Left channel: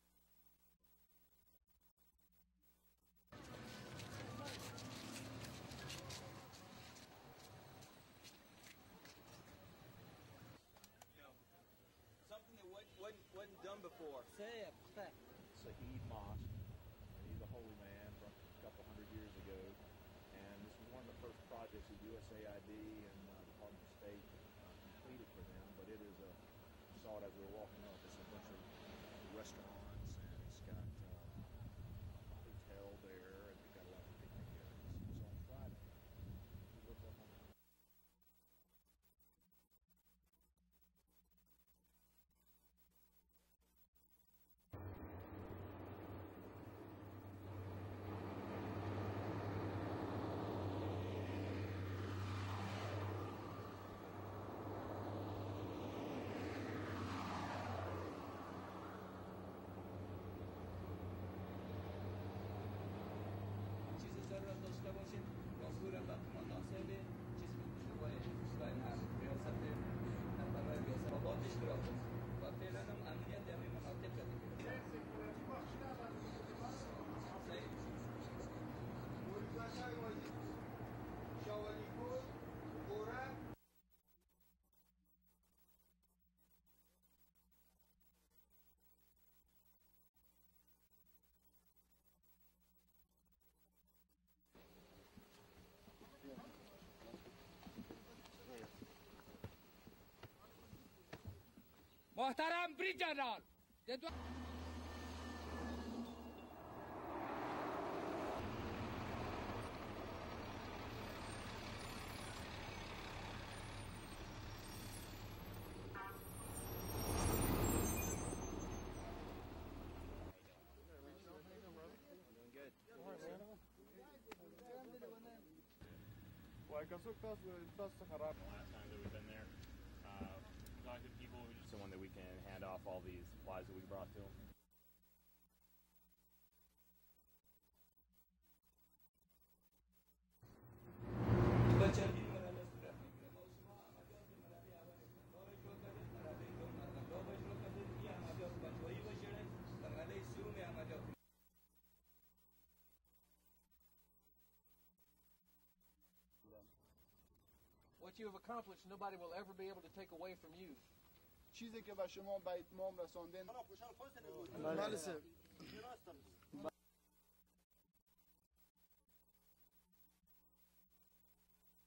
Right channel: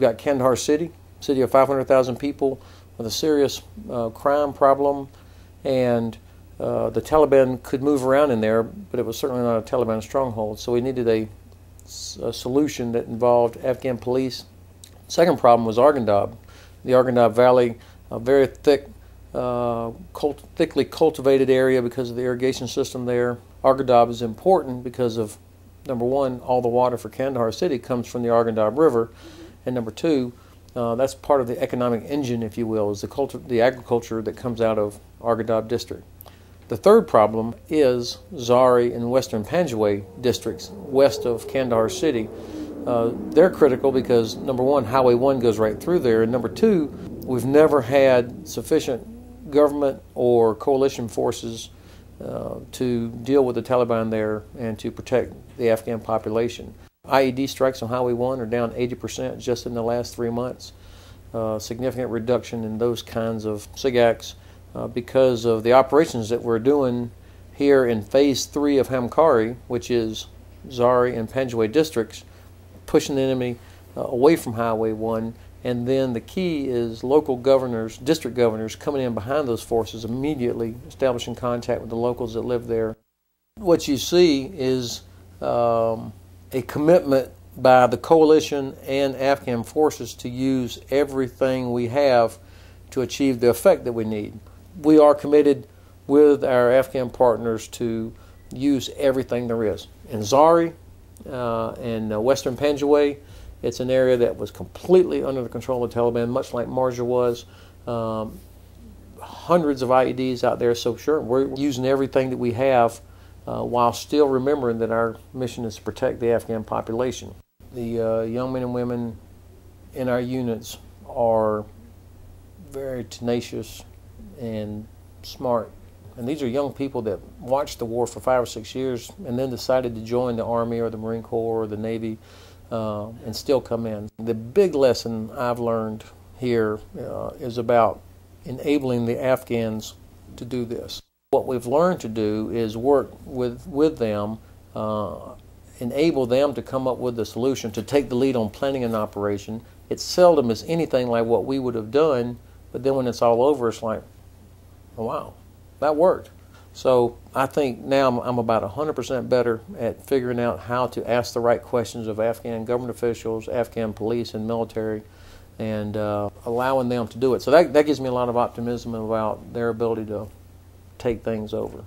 you've got Kandahar City, city of 500,000 people with a serious crime problem, and the Taliban could move around in there, but it was certainly not a Taliban stronghold. So we needed a solution that involved Afghan police. Second problem was Arghandab. The Arghandab Valley, a very thickly cultivated area because of the irrigation system there. Arghandab is important because of, number one, all the water for Kandahar City comes from the Arghandab River, and number two, that's part of the economic engine, if you will, is the agriculture that comes out of Arghandab district. The third problem is Zari and Western Panjwai districts west of Kandahar City. They're critical because, number one, Highway 1 goes right through there, and number two, we've never had sufficient government or coalition forces to deal with the Taliban there and to protect the Afghan population. IED strikes on Highway 1 are down 80% just in the last 3 months. Significant reduction in those kinds of SIGACs because of the operations that we're doing here in Phase 3 of HamKari, which is Zari and Panjwai districts, pushing the enemy away from Highway 1. And then the key is local governors, district governors, coming in behind those forces immediately, establishing contact with the locals that live there. What you see is a commitment by the coalition and Afghan forces to use everything we have to achieve the effect that we need. We are committed with our Afghan partners to use everything there is. In Zari and Western Panjwai, it's an area that was completely under the control of the Taliban, much like Marja was. Hundreds of IEDs out there, so sure, we're using everything that we have while still remembering that our mission is to protect the Afghan population. The young men and women in our units are very tenacious and smart. And these are young people that watched the war for 5 or 6 years and then decided to join the Army or the Marine Corps or the Navy and still come in. The big lesson I've learned here is about enabling the Afghans to do this. What we've learned to do is work with them, enable them to come up with a solution, to take the lead on planning an operation. It seldom is anything like what we would have done, but then when it's all over, it's like, oh, wow, that worked. So I think now I'm about 100% better at figuring out how to ask the right questions of Afghan government officials, Afghan police and military, and allowing them to do it. So that gives me a lot of optimism about their ability to take things over.